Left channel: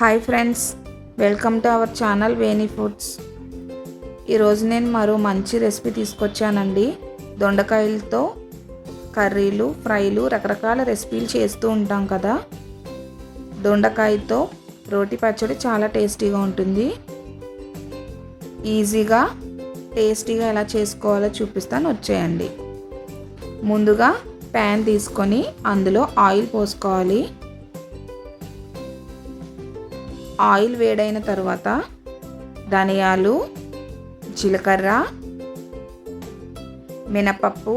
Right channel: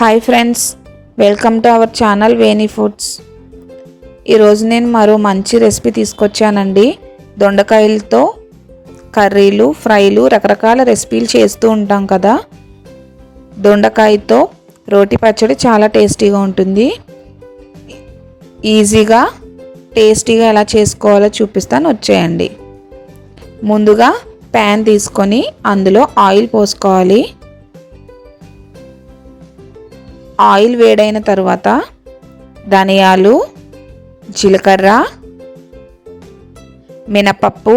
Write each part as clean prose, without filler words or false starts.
Hi friends, welcome to our channel Veni foods. ఈరోజు నేను మరో మంచి రెసిపీ తీసుకొచ్చానండి. దొండకాయలతో కర్రీలు, ఫ్రైలు, రకరకాల రెసిపీలు చేస్తూ ఉంటాం కదా. దొండకాయతో రోటి పచ్చడి చాలా టేస్టీగా ఉంటుంది. ఈజీగా టేస్టీగా ఎలా చేసుకోవాలో చూపిస్తాను, వచ్చేయండి. ముందుగా ప్యాన్ తీసుకొని అందులో ఆయిల్ పోసుకోవాలి. ఆయిల్ వేడైన తర్వాత ధనియాలు, జీలకర్ర, మినపప్పు,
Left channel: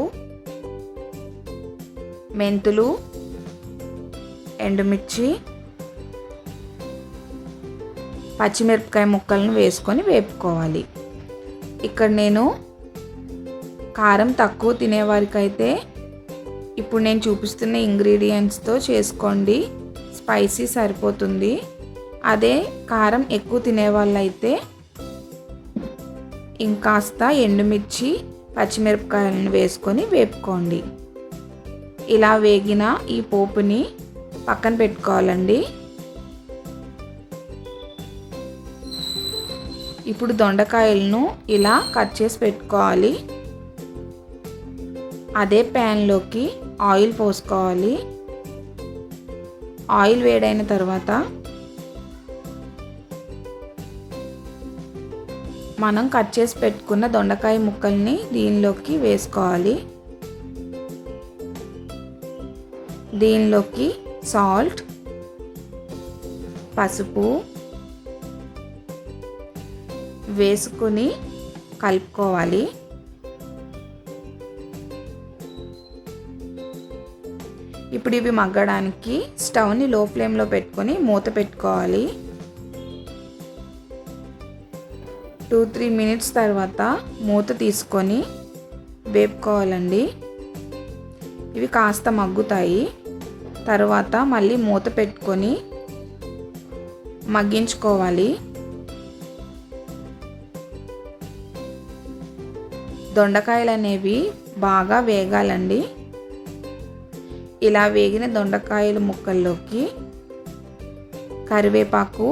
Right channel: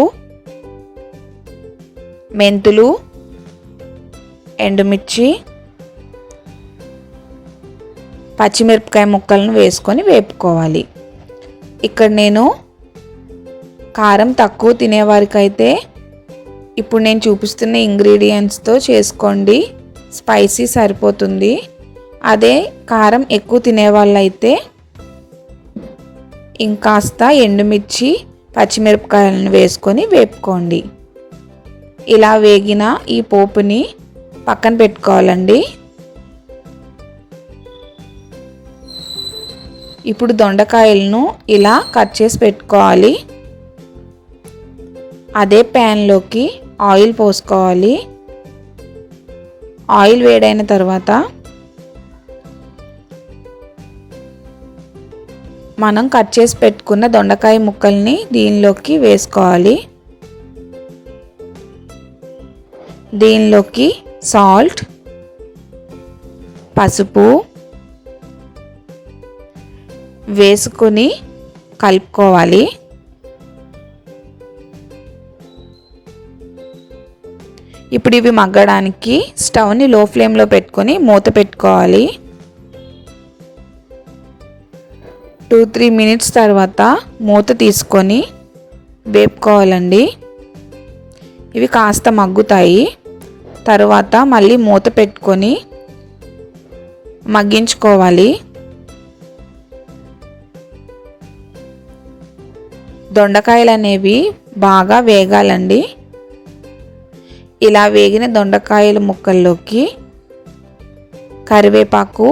మెంతులు, ఎండుమిర్చి, పచ్చిమిరపకాయ ముక్కలను వేసుకొని వేపుకోవాలి. ఇక్కడ నేను కారం తక్కువ తినేవారికైతే ఇప్పుడు నేను చూపిస్తున్న ఇంగ్రీడియంట్స్తో చేసుకోండి, స్పైసీ సరిపోతుంది. అదే కారం ఎక్కువ తినేవాళ్ళైతే ఇంకాస్త ఎండుమిర్చి, పచ్చిమిరపకాయలను వేసుకొని వేపుకోండి. ఇలా వేగిన ఈ పోపుని పక్కన పెట్టుకోవాలండి. ఇప్పుడు దొండకాయలను ఇలా కట్ చేసి పెట్టుకోవాలి. అదే ప్యాన్లోకి ఆయిల్ పోసుకోవాలి. ఆయిల్ వేడైన తర్వాత మనం కట్ చేసి పెట్టుకున్న దొండకాయ ముక్కల్ని దీనిలోకి వేసుకోవాలి. దీనిలోకి సాల్ట్, పసుపు వేసుకొని కలుపుకోవాలి. ఇప్పుడు ఇవి మగ్గడానికి స్టవ్ని లో ఫ్లేమ్లో పెట్టుకొని మూత పెట్టుకోవాలి. 2-3 మినిట్స్ తర్వాత మూత తీసుకొని వేపుకోవాలండి. ఇవి కాస్త మగ్గుతాయి. తర్వాత మళ్ళీ మూత పెట్టుకొని మగ్గించుకోవాలి. దొండకాయలు అనేవి బాగా వేగాలండి. ఇలా వేగిన దొండకాయల ముక్కల్లోకి కరివేపాకు,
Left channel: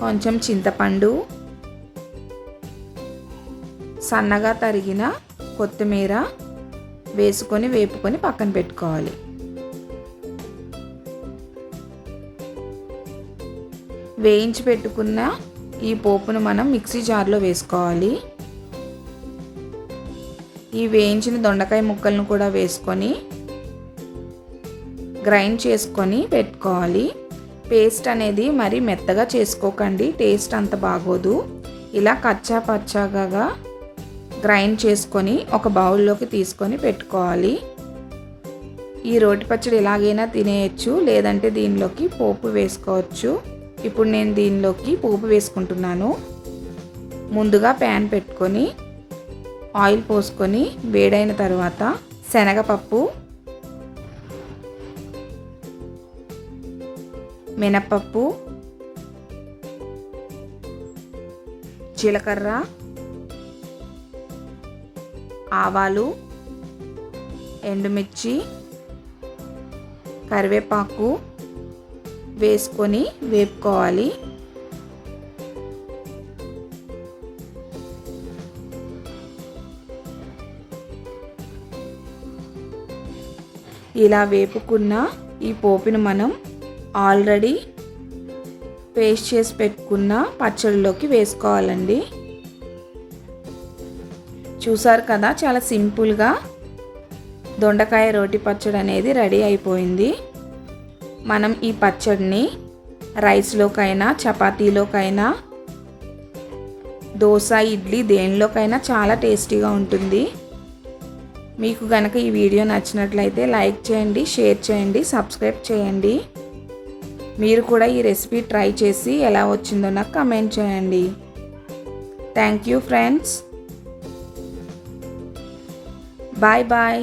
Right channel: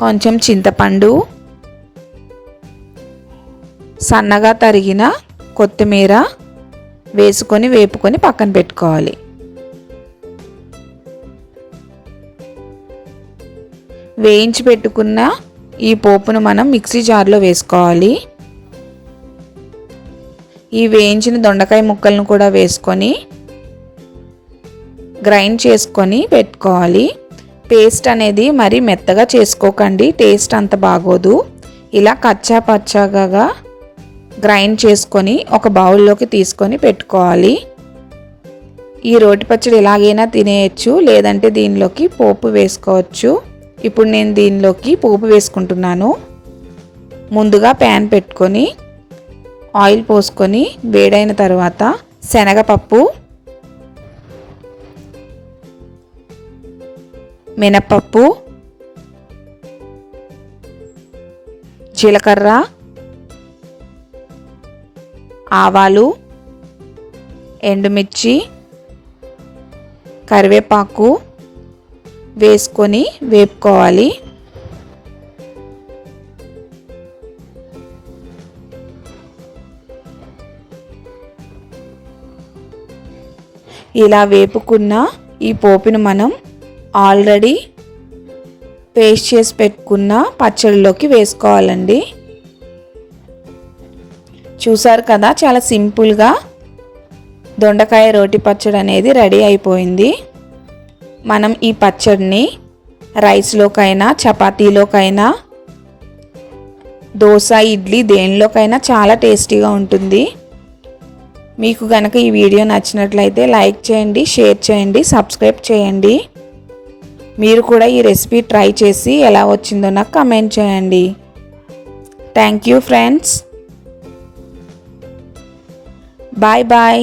కొంచెం చింతపండు, సన్నగా తరిగిన కొత్తిమీర వేసుకొని వేపుకొని పక్కన పెట్టుకోవాలి. వేయించి పెట్టుకున్న ఈ పోపును మనం మిక్సీ జార్లో వేసుకోవాలి. ఈ వేయించిన దొండకాయ ముక్కలను కూడా వేసుకొని గ్రైండ్ చేసుకొని పెట్టుకోవాలి. పేస్ట్ అనేది మరి మెత్తగా చేసుకోకండి, టేస్ట్ అంత బాగోదు. ఇలా కచ్చా పచ్చాగా గ్రైండ్ చేసుకొని ఒక బౌల్లోకి తీసుకొని పెట్టుకోవాలి. ఈ రోటి పచ్చడి ఎలాగైనా తినేయచ్చు, లేదంటే దీనిలోకి పోపు వేసుకోవచ్చు. ఇప్పుడు నేను దీనిలోకి పోపు వేసుకుంటున్నాను. ముందుగా ప్యాన్ పెట్టుకొని ఆయిల్ పోసుకొని వేడైన తర్వాత శనగపప్పు, మినపప్పు, జీలకర్ర, ఆవాలు, ఎండుమిర్చి, కరివేపాకు వేసుకొని వేపుకోవాలి. ఇలా వేపుకున్న ఈ పోపును మనం ఆల్రెడీ పేస్ట్ చేసి పెట్టుకున్న పచ్చడిలోకి వేసుకోవాలండి. చూసారు కదా, చాలా సింపుల్గా దొండకాయ రోటి పచ్చడి అనేది రెడీ అయిపోయింది. మనం ఈ పచ్చడిని రైస్లోకైనా, చపాతీలోకైనా, దోశ, ఇడ్లీ దేనిలోకైనా చాలా టేస్టీగా ఉంటుంది. మీకు కనుక ఈ వీడియో నచ్చినట్లయితే లైక్ చేయండి, షేర్ చేయండి, సబ్స్క్రైబ్ చేయండి. మీరు కూడా ఈ రెసిపీ ట్రై చేసి ఎలా వచ్చిందో నాకు కామెంట్ చేయండి. Thank you friends. Bye bye.